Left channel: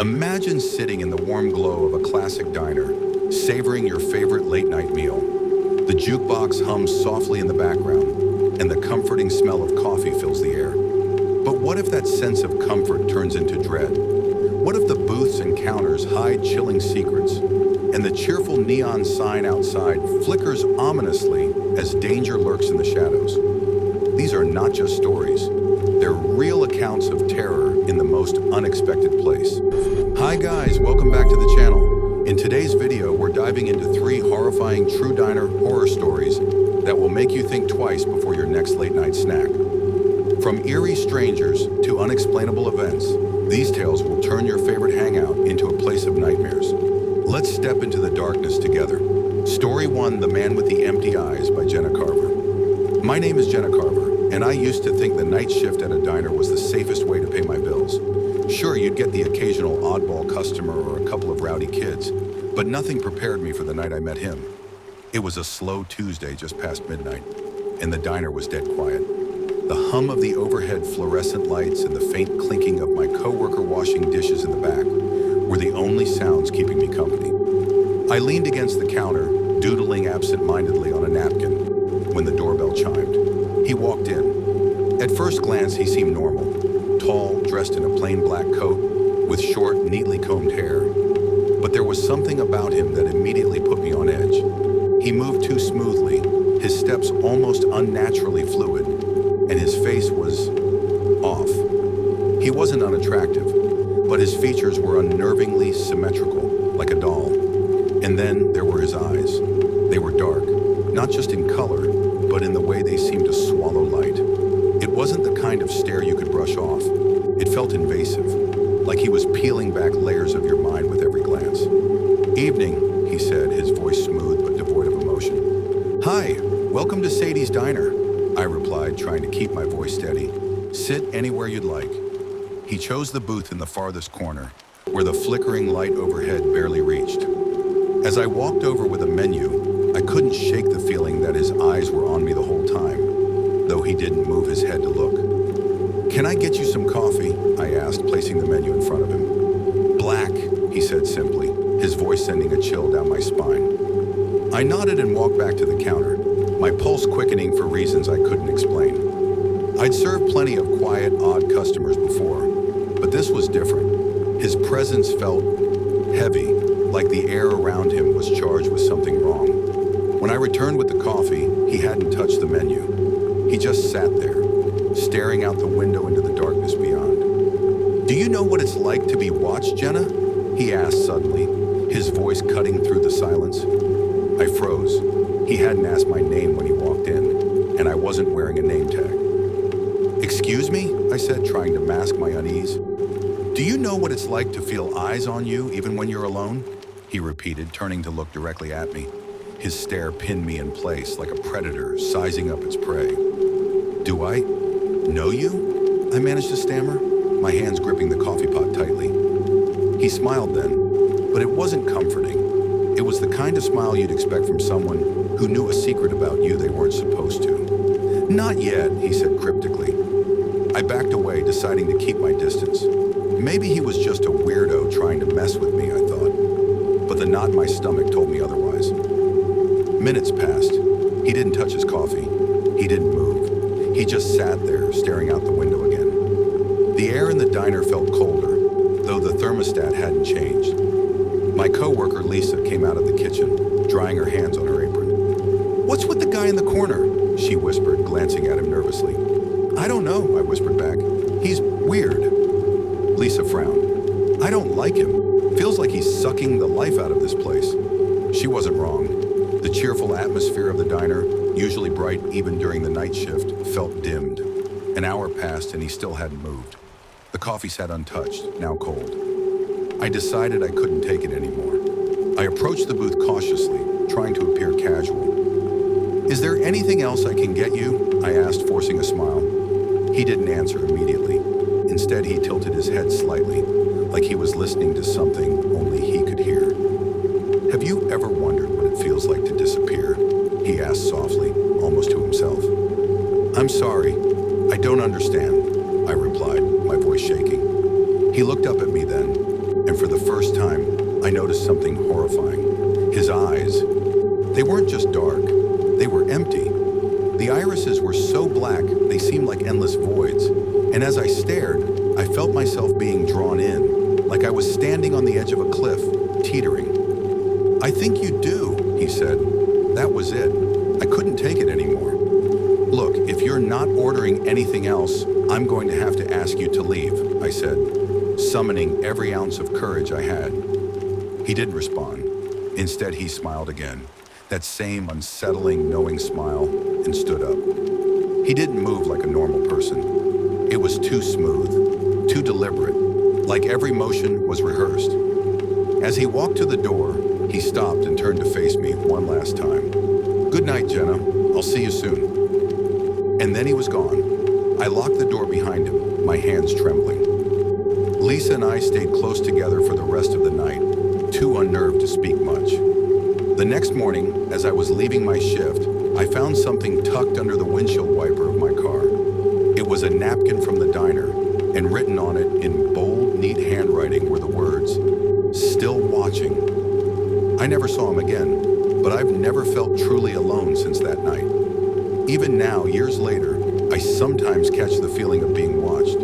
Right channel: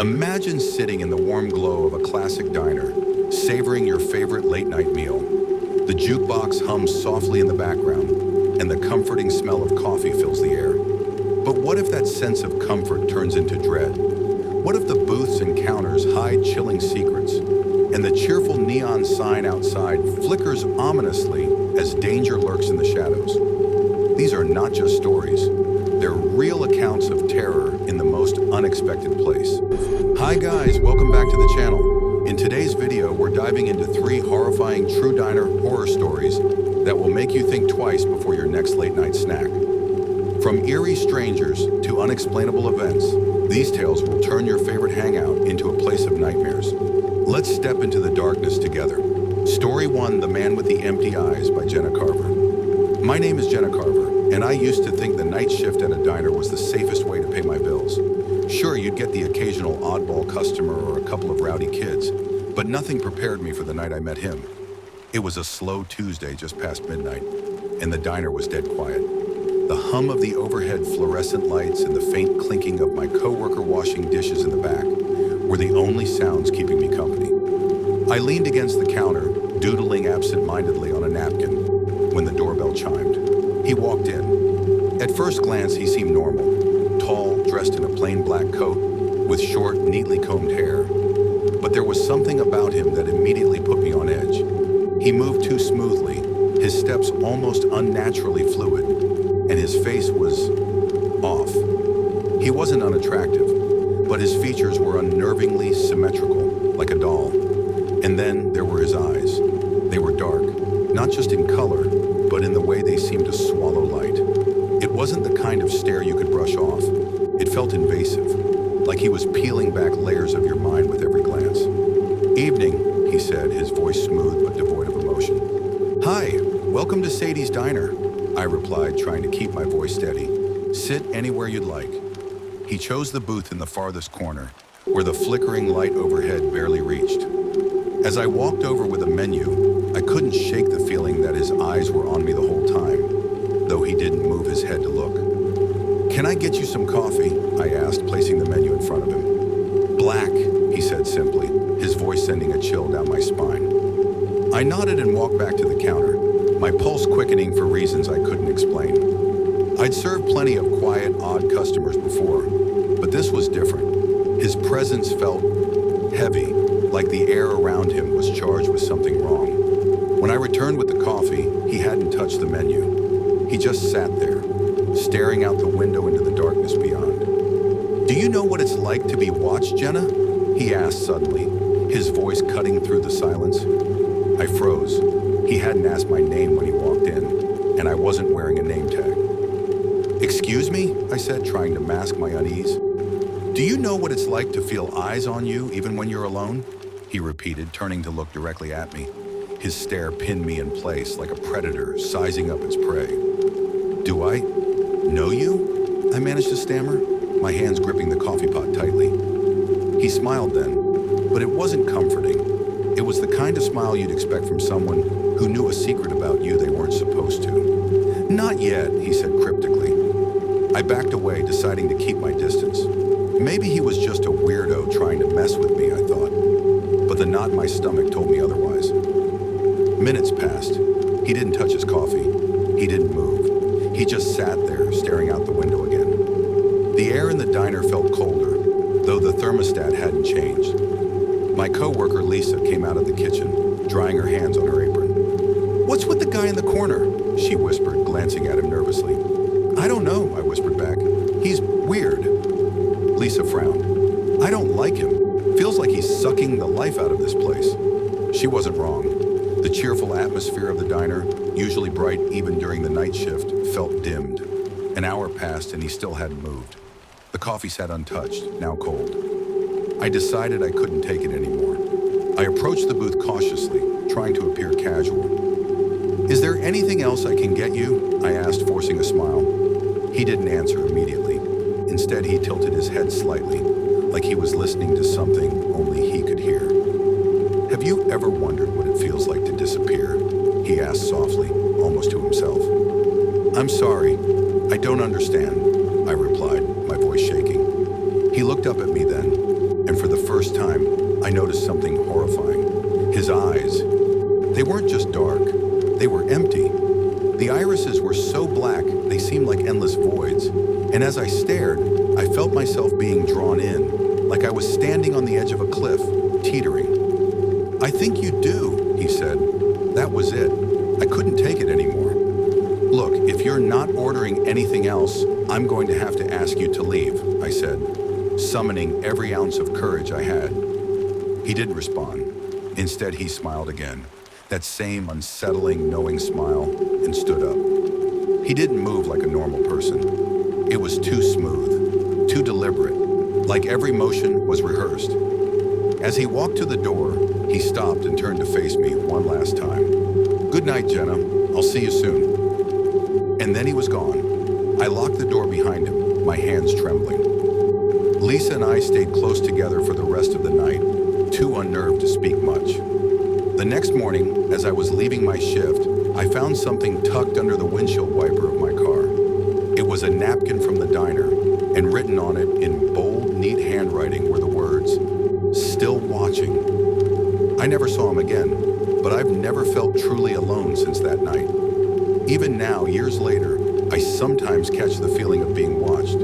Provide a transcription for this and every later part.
Imagine sitting in the warm glow of a classic diner, savoring your favorite late-night meal. The jukebox hums softly in the background, and the comforting smell of coffee fills the air. But what if that sense of comfort turns into dread? What if the booths and counters hide chilling secrets, and the cheerful neon sign outside flickers ominously as danger lurks in the shadows? These are not just stories. They're real accounts of terror in the most unexpected place. Hi guys, welcome back to the channel. In today's video, we're diving into 3 horrifying true diner horror stories that will make you think twice before your next late night snack. From eerie strangers to unexplainable events, these tales will turn your favorite hangout into a place of nightmares. Let's step into the darkness together. Story 1, The Man with the Empty Eyes by Jenna Carver. My name is Jenna Carver, and I used to think the night shift at a diner was the safest way to pay my bills. Sure, you'd get the occasional oddball customer or a couple of rowdy kids, but nothing prepared me for the night I met him. It was a slow Tuesday just past midnight, and the diner was dead quiet. The hum of the overhead fluorescent lights and the faint clinking of my coworker washing dishes in the back were the only sounds keeping me company. I leaned against the counter, doodling absent-mindedly on a napkin, when the doorbell chimed. He walked in. At first glance, he seemed normal, tall, dressed in a plain black coat, with short, neatly combed hair. But there was something about him that immediately put me on edge. He moved too smoothly, his steps almost unnaturally fluid, and his face was off. He wasn't unattractive, but his features were unnervingly symmetrical, like a doll. And then there were his eyes. They were dark, not just in color, but in the way they seemed to swallow light. It wasn't the kind of stare you could brush off. It felt invasive, like he was peeling back layers of your mind with every glance. "Evening," he said, his voice smooth but devoid of emotion. "Hi, welcome to Sadie's Diner," I replied, trying to keep my voice steady. "Sit anywhere you'd like." He chose the booth in the farthest corner, where the flickering light overhead barely reached. As I walked over with a menu, I couldn't shake the feeling that his eyes were on me the whole time, though he didn't move his head to look. "Can I get you some coffee?" I asked, placing the menu in front of him. "Black," he said simply, his voice sending a chill down my spine. I nodded and walked back to the counter, my pulse quickening for reasons I couldn't explain. I'd served plenty of quiet, odd customers before, but this was different. His presence felt heavy, like the air around him was charged with something wrong. When I returned with the coffee, he hadn't touched the menu. He just sat there, staring out the window into the darkness beyond. "Do you know what it's like to be watched, Jenna?" he asked suddenly, his voice cutting through the silence. I froze. He hadn't asked my name when he walked in, and I wasn't wearing a name tag. "Excuse me?" I said, trying to mask my unease. "Do you know what it's like to feel eyes on you even when you're alone?" he repeated, turning to look directly at me. His stare pinned me in place like a predator sizing up its prey. "Do I know you?" I managed to stammer, my hands gripping the coffee pot tightly. He smiled then, but it wasn't comforting. It was the kind of smile you'd expect from someone who knew a secret about you they weren't supposed to. "Not yet," he said cryptically. I backed away, deciding to keep my distance. Maybe he was just a weirdo trying to mess with me, I thought. But the knot in my stomach told me otherwise. Minutes passed. He didn't touch his coffee. He didn't move. He just sat there, staring out the window again. The air in the diner felt colder, though the thermostat hadn't changed. My coworker, Lisa, came out of the kitchen, drying her hands on her apron. "What's with the guy in the corner?" she whispered, glancing at him nervously. "I don't know," I whispered back. "He's weird." Lisa frowned. "I don't like him. Feels like he's sucking the life out of this place." She wasn't wrong. The cheerful atmosphere of the diner, usually bright even during the night shift, felt dimmed. An hour passed and he still hadn't moved. The coffee sat untouched, now cold. I decided I couldn't take it anymore. I approached the booth cautiously, trying to appear casual. "Is there anything else I can get you?" I asked, forcing a smile. He didn't answer immediately. Instead, he tilted his head slightly, like he was listening to something only he could hear. "Have you ever wondered what it feels like to disappear?" he asked softly, almost to himself. "I'm sorry, I don't understand," I replied, my voice shaking. He looked up at me then, and for the first time, I noticed something horrifying. His eyes, they weren't just dark, they were empty. The irises were so black, they seemed like endless voids. And as I stared, I felt myself being drawn in, like I was standing on the edge of a cliff, teetering. "I think you do," he said. That was it. I couldn't take it anymore. "Look, if you're not ordering anything else, I'm going to have to ask you to leave," I said, summoning every ounce of courage I had. He didn't respond. Instead, he smiled again, that same unsettling, knowing smile, and stood up. He didn't move like a normal person. It was too smooth, too deliberate, like every motion was rehearsed. As he walked to the door, he stopped and turned to face me one last time. "Good night, Jenna. I'll see you soon." And then he was gone. I locked the door behind him, my hands trembling. Lisa and I stayed close together for the rest of the night, too unnerved to speak much. The next morning, as I was leaving my shift, I found something tucked under the windshield wiper of my car. It was a napkin from the diner, and written on it in bold, neat handwriting were the words, "Still watching." I never saw him again, but I've never felt truly alone since that night. Even now, years later, I sometimes catch the feeling of being watched,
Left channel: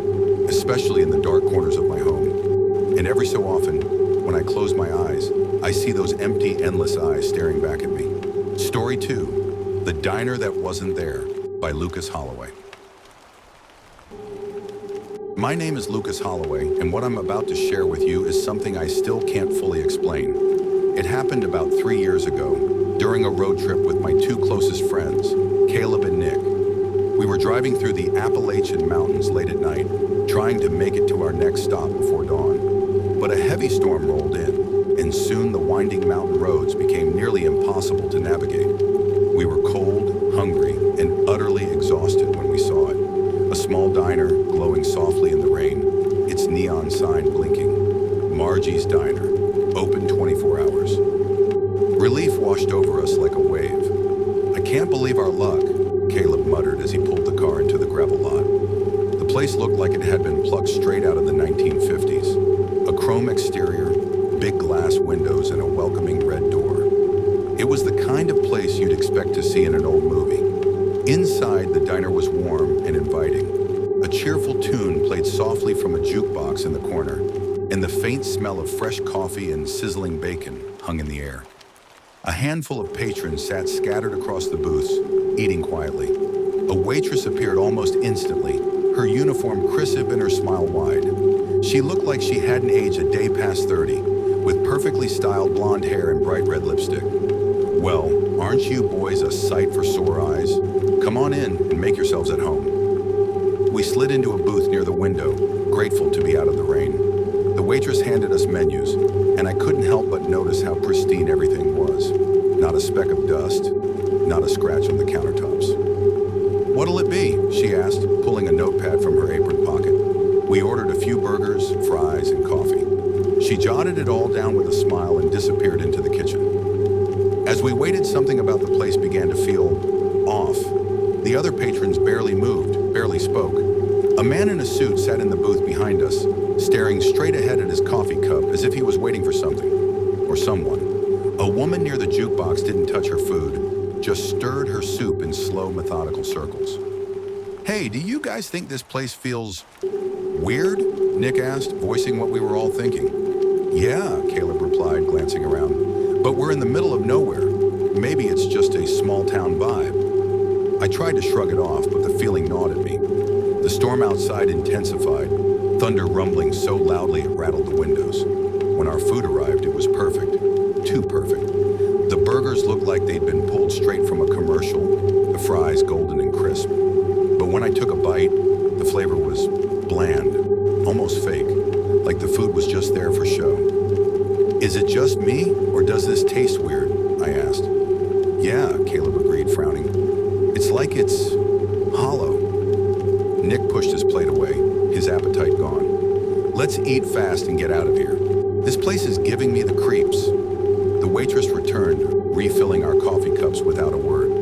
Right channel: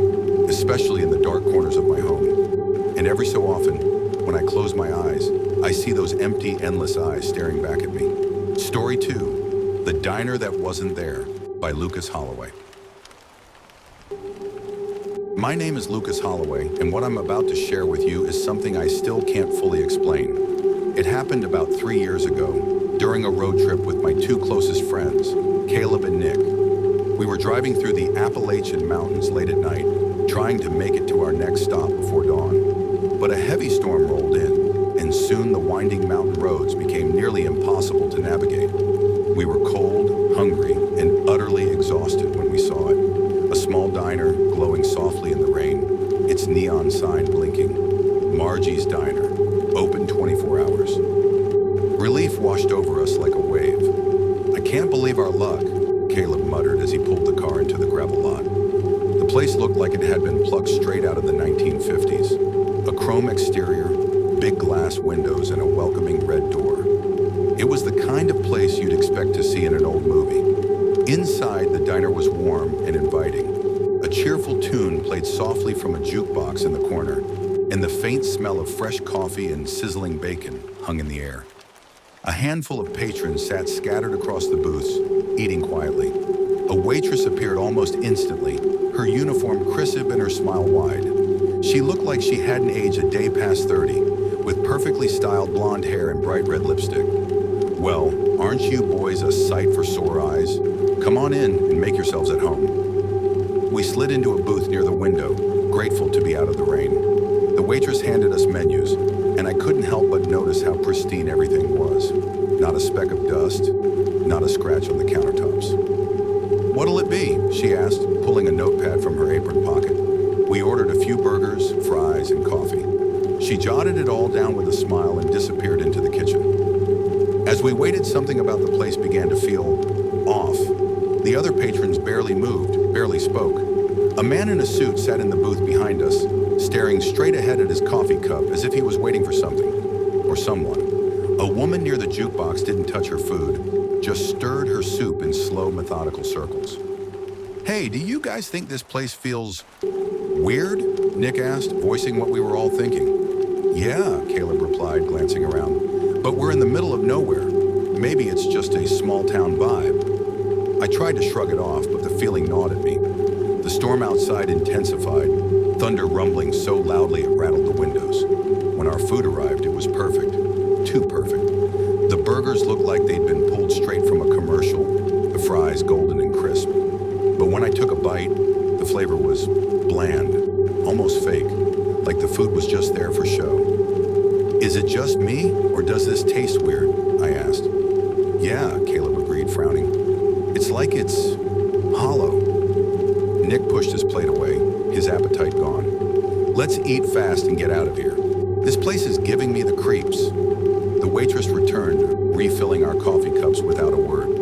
especially in the dark corners of my home. And every so often, when I close my eyes, I see those empty, endless eyes staring back at me. Story 2, The Diner That Wasn't There, by Lucas Holloway. My name is Lucas Holloway, and what I'm about to share with you is something I still can't fully explain. It happened about 3 years ago, during a road trip with my two closest friends, Caleb and Nick. We were driving through the Appalachian Mountains late at night, trying to make it to our next stop before dawn. But a heavy storm rolled in, and soon the winding mountain roads became nearly impossible to navigate. We were cold, hungry, and utterly exhausted when we saw it. A small diner glowing softly in the rain, its neon sign blinking. Margie's Diner, open 24 hours. Relief washed over us like a wave. "I can't believe our luck," Caleb muttered as he pulled the car into the gravel lot. The place looked like it had been plucked straight out of the 1950s. A chrome exterior, big glass windows, and a welcoming red door. It was the kind of place you'd expect to see in an old movie. Inside, the diner was warm and inviting. A cheerful tune played softly from a jukebox in the corner, and the faint smell of fresh coffee and sizzling bacon hung in the air. A handful of patrons sat scattered across the booths, eating quietly. A waitress appeared almost instantly, her uniform crisp and her smile wide. She looked like she hadn't aged a day past 30, with perfectly styled blonde hair and bright red lipstick. "Well, aren't you boys a sight for sore eyes? Come on in and make yourselves at home." We slid into a booth near the window, grateful to be out of the rain. The waitress handed us menus, and I couldn't help but notice how pristine everything was. Not a speck of dust, not a scratch on the countertops. "What'll it be?" she asked, pulling a notepad from her apron pocket. We ordered a few burgers, fries, and coffee. She jotted it all down with a smile and disappeared into the kitchen. As we waited, something about the place began to feel off. The other patrons barely moved, barely spoke. A man in a suit sat in the booth behind us, staring straight ahead at his coffee cup as if he was waiting for something, or someone. A woman near the jukebox didn't touch her food, just stirred her soup in slow, methodical circles. "Hey, do you guys think this place feels weird?" Nick asked, voicing what we were all thinking. "Yeah," Caleb replied, glancing around. "But we're in the middle of nowhere. Maybe it's just a small-town vibe." I tried to shrug it off, but the feeling gnawed at me. The storm outside intensified, thunder rumbling so loudly it rattled the windows. When our food arrived, it was perfect. Too perfect. The burgers looked like they'd been pulled straight from a commercial, the fries golden and crisp. But when I took a bite, the flavor was bland, almost fake, like the food was just there for show. "Is it just me, or does this taste weird?" I asked. "Yeah," Caleb agreed, frowning. "It's like it's hollow." Nick pushed his plate away, his appetite gone. "Let's eat fast and get out of here. This place is giving me the creeps." The waitress returned, refilling our coffee cups without a word.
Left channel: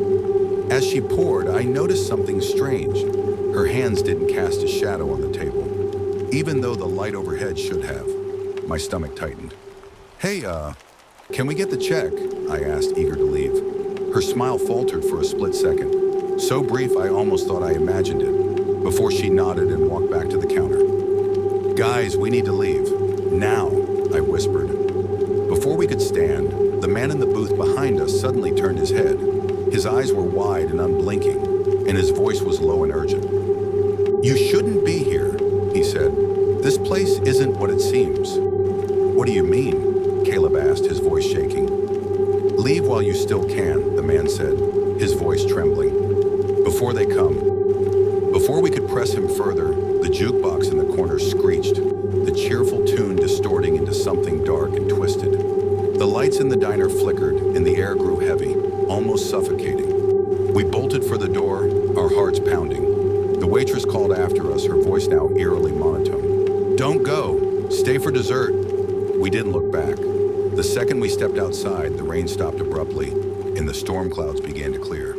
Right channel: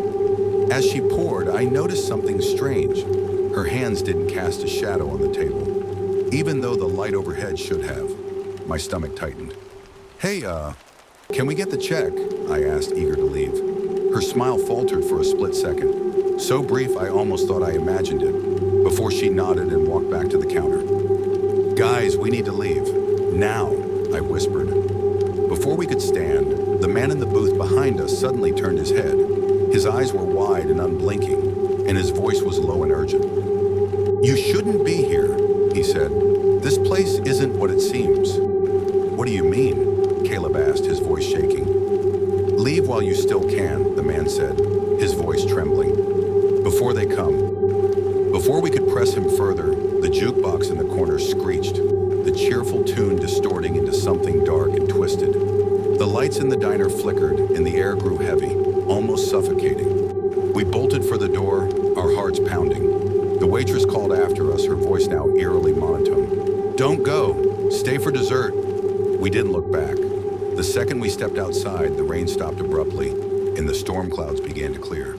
As she poured, I noticed something strange. Her hands didn't cast a shadow on the table, even though the light overhead should have. My stomach tightened. Hey, can we get the check? I asked, eager to leave. Her smile faltered for a split second, so brief I almost thought I imagined it, before she nodded and walked back to the counter. Guys, we need to leave. Now, I whispered. Before we could stand, the man in the booth behind us suddenly turned his head. His eyes were wide and unblinking, and his voice was low and urgent. You shouldn't be here, he said. This place isn't what it seems. What do you mean? Caleb asked, his voice shaking. Leave while you still can, the man said, his voice trembling. Before they come. Before we could press him further, the jukebox in the corner screeched, the cheerful tune distorting into something dark and twisted. The lights in the diner flickered and the air grew heavy, almost suffocating. We bolted for the door, our hearts pounding. The waitress called after us, her voice now eerily monotone. Don't go, stay for dessert. We didn't look back. The second we stepped outside, the rain stopped abruptly and the storm clouds began to clear.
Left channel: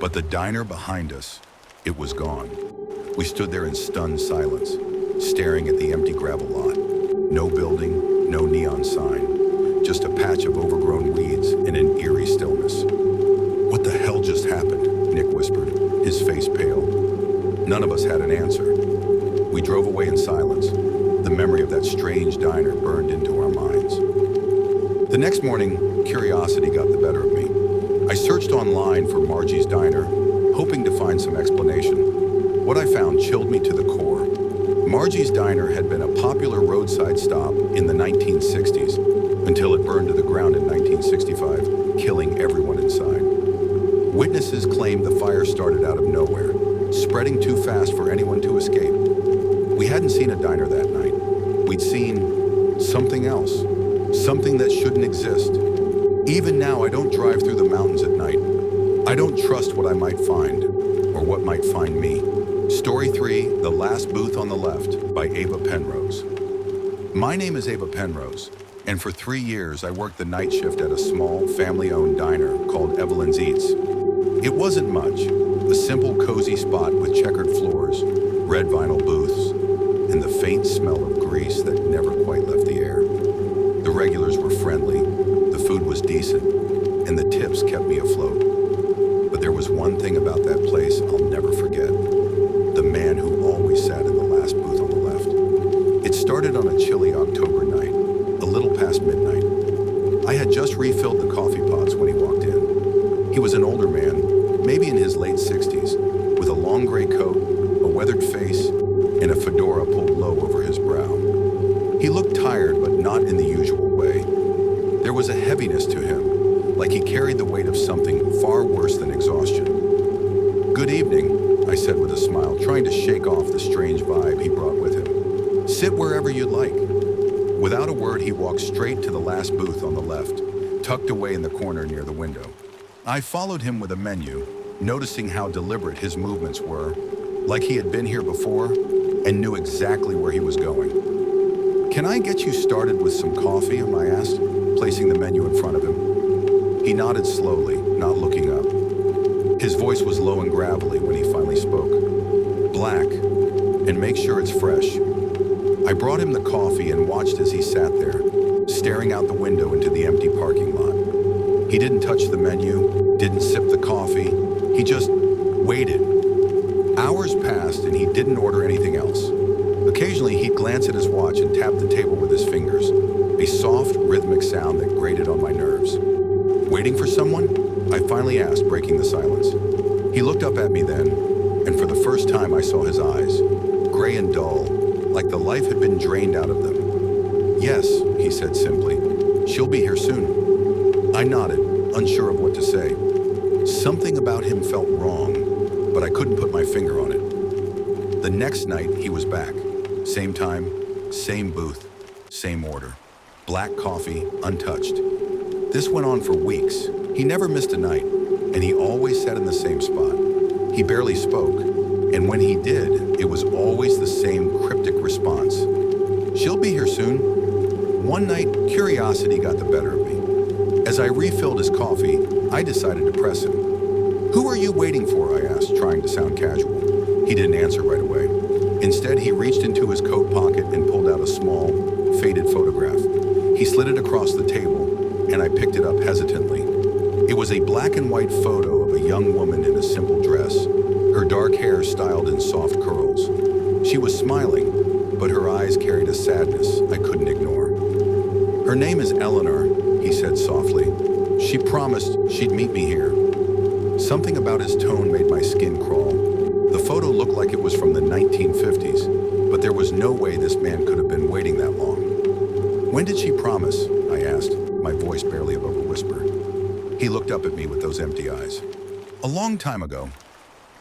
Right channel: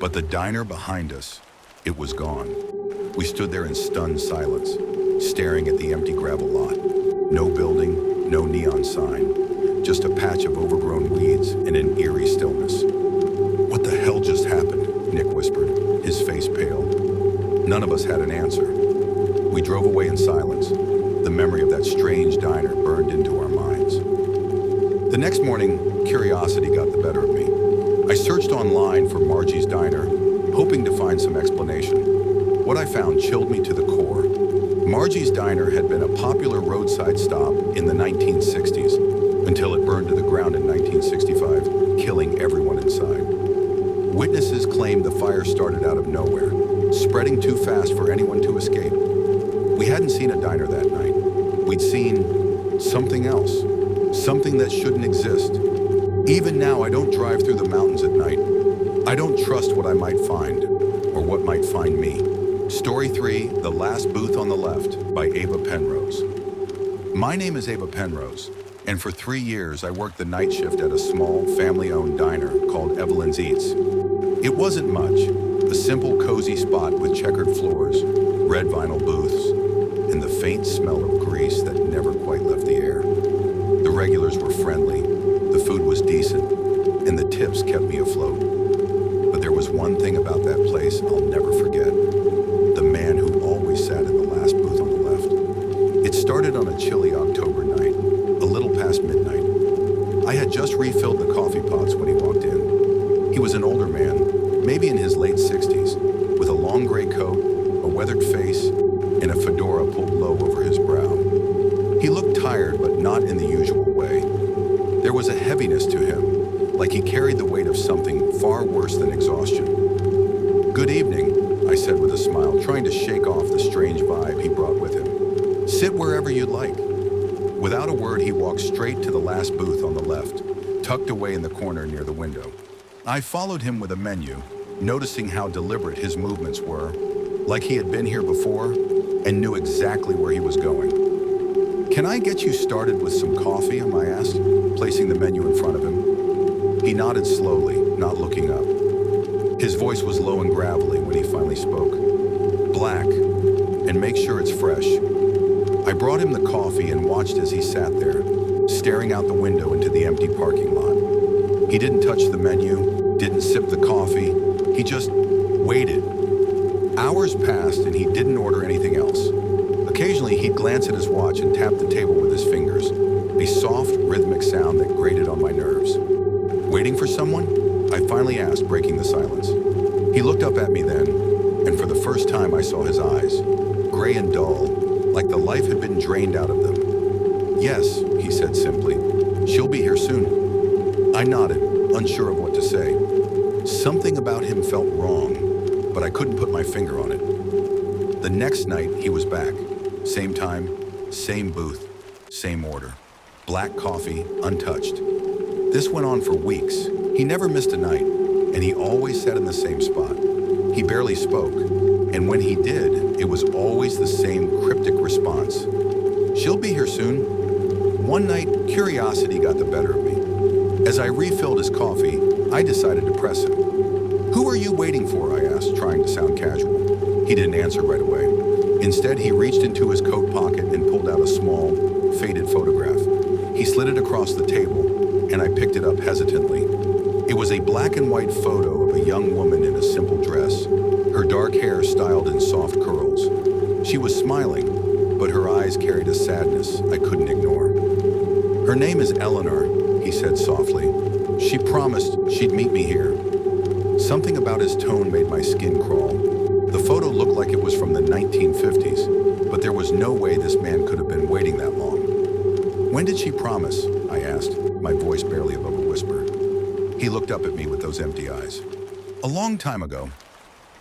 But the diner behind us, it was gone. We stood there in stunned silence, staring at the empty gravel lot. No building, no neon sign, just a patch of overgrown weeds and an eerie stillness. What the hell just happened? Nick whispered, his face pale. None of us had an answer. We drove away in silence. The memory of that strange diner burned into our minds. The next morning, curiosity got the better of me. I searched online for Margie's Diner, hoping to find some explanation. What I found chilled me to the core. Margie's Diner had been a popular roadside stop in the 1960s until it burned to the ground in 1965, killing everyone inside. Witnesses claimed the fire started out of nowhere, spreading too fast for anyone to escape. We hadn't seen a diner that night. We'd seen something else, something that shouldn't exist. Even now, I don't drive through the mountains at night. I don't trust what I might find, or what might find me. Story 3, The Last Booth on the Left, by Ava Penrose. My name is Ava Penrose, and for 3 years I worked the night shift at a small, family-owned diner called Evelyn's Eats. It wasn't much, a simple, cozy spot with checkered floors, red vinyl booths, and the faint smell of grease that never quite left the air. The regulars were friendly, the food was decent, and the tips kept me afloat. But there was one thing about that place I'll never forget. The man who always sat in the last booth on the left. It started on a chilly October night, a little past midnight. I had just refilled the coffee pots when he walked in. He was an older man, maybe in his late 60s, with a long gray coat, a weathered face, and a fedora pulled low over his brow. He looked tired, but not in the usual way. There was a heaviness to him, like he carried the weight of something far worse than exhaustion. Good evening, I said with a smile, trying to shake off the strange vibe he brought with him. Sit wherever you'd like. Without a word, he walked straight to the last booth on the left, tucked away in the corner near the window. I followed him with a menu, noticing how deliberate his movements were, like he had been here before and knew exactly where he was going. Can I get you started with some coffee? I asked, placing the menu in front of him. He nodded slowly, not looking up. His voice was low and gravelly when he finally spoke. Black, and make sure it's fresh. I brought him the coffee and watched as he sat there, staring out the window into the empty parking lot. He didn't touch the menu, didn't sip the coffee, he just waited. Hours passed and he didn't order anything else. Occasionally, he'd glance at his watch and tap the table with his fingers, a soft, rhythmic sound that grated on my nerves. Waiting for someone? I finally asked, breaking the silence. He looked up at me then, and for the first time I saw his eyes, gray and dull, like the life had been drained out of them. Yes, he said simply. She'll be here soon. I nodded, unsure of what to say. Something about him felt wrong, but I couldn't put my finger on it. The next night, he was back. Same time, same booth, same order. Black coffee, untouched. This went on for weeks. He never missed a night, and he always sat in the same spot. He barely spoke, and when he did, it was always the same cryptic response. She'll be here soon. One night, curiosity got the better of me. As I refilled his coffee, I decided to press him. Who are you waiting for? I asked, trying to sound casual. He didn't answer right away. Instead, he reached into his coat pocket and pulled out a small, faded photograph. He slid it across the table, and I picked it up hesitantly. It was a black and white photo of a young woman in a simple dress, her dark hair styled in soft curls. She was smiling, but her eyes carried a sadness I couldn't ignore. "Her name is Eleanor," he said softly. "She promised she'd meet me here." Something about his tone made my skin crawl. The photo looked like it was from the 1950s, but there was no way this man could have been waiting that long. "When did she promise?" I asked, my voice barely above a whisper. He looked up at me with those empty eyes. "A long time ago."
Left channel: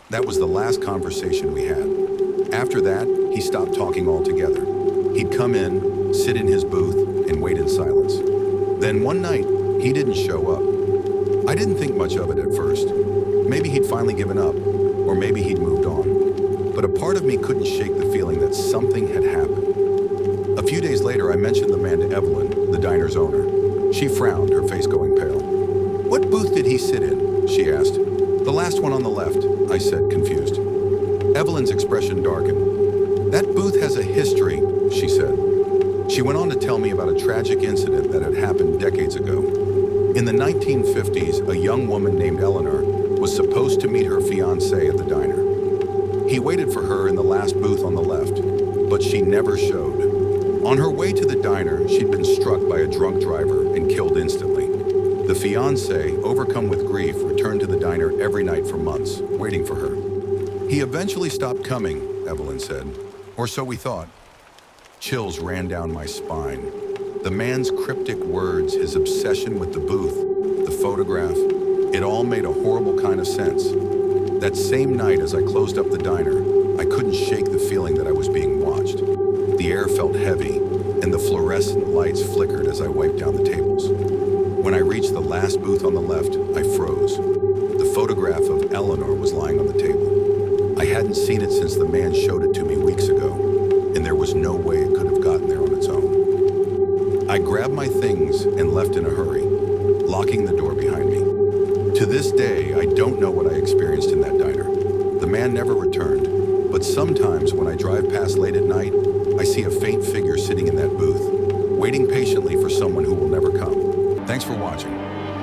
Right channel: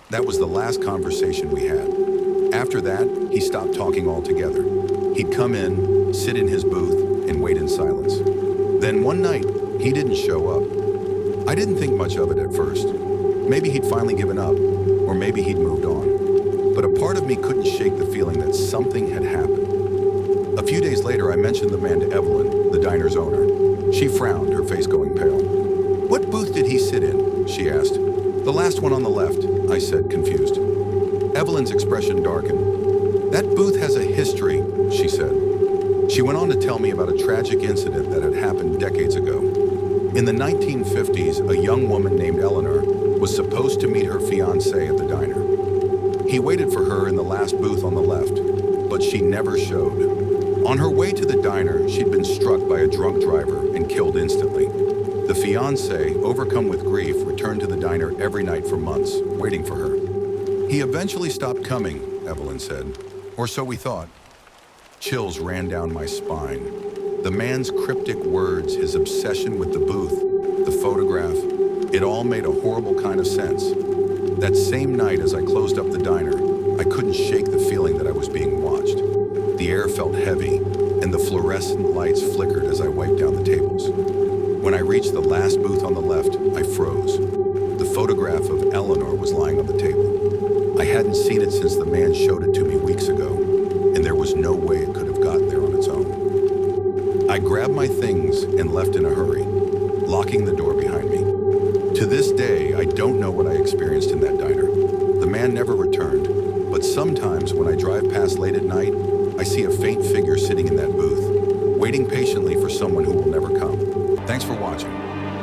That was the last conversation we had. After that, he stopped talking altogether. He'd come in, sit in his booth, and wait in silence. Then one night, he didn't show up. I didn't think much of it at first. Maybe he'd finally given up, or maybe he'd moved on. But a part of me couldn't shake the feeling that something had happened. A few days later, I mentioned the man to Evelyn, the diner's owner. She frowned, her face going pale. "What booth did he sit in?" she asked. "The last one on the left," I said, confused. Evelyn's expression darkened. "That booth has a history," she said. She went on to tell me about a tragic incident that had happened decades ago. In the 1950s, a young woman named Eleanor was supposed to meet her fiancé at the diner. He waited for her in the last booth on the left, but she never showed. On her way to the diner, she'd been struck by a drunk driver and killed instantly. The fiancé, overcome with grief, returned to the diner every night for months, waiting for her. "He eventually stopped coming," Evelyn said. "Or so we thought." Chills ran down my spine. The man's cryptic words, his obsession with the booth, the photograph, it all made a horrible kind of sense. That same night, as I closed up the diner, I couldn't shake the feeling that I was being watched. The air felt heavy, and the fluorescent lights flickered as I wiped down the tables. When I reached the last booth on the left, I froze. The photograph of Eleanor was lying on the table. I hadn't seen it since the man showed it to me weeks ago, and there was no way it could have gotten there on its own. I grabbed my things and left in a hurry, locking the door behind me. To this day, I don't know what I experienced in that diner. The man never returned, but sometimes when I drive past late at night, I see a faint figure sitting in that booth, waiting patiently for someone who will never come. Thanks for watching.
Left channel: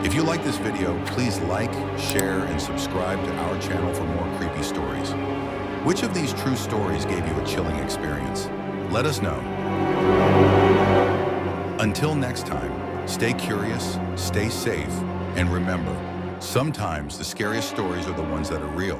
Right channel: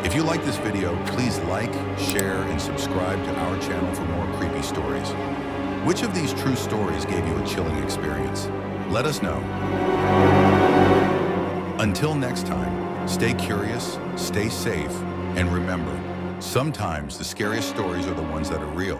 If you like this video, please like, share, and subscribe to our channel for more creepy stories. Which of these true stories gave you a chilling experience? Let us know. Until next time, stay curious, stay safe, and remember, sometimes the scariest stories are the ones that are real.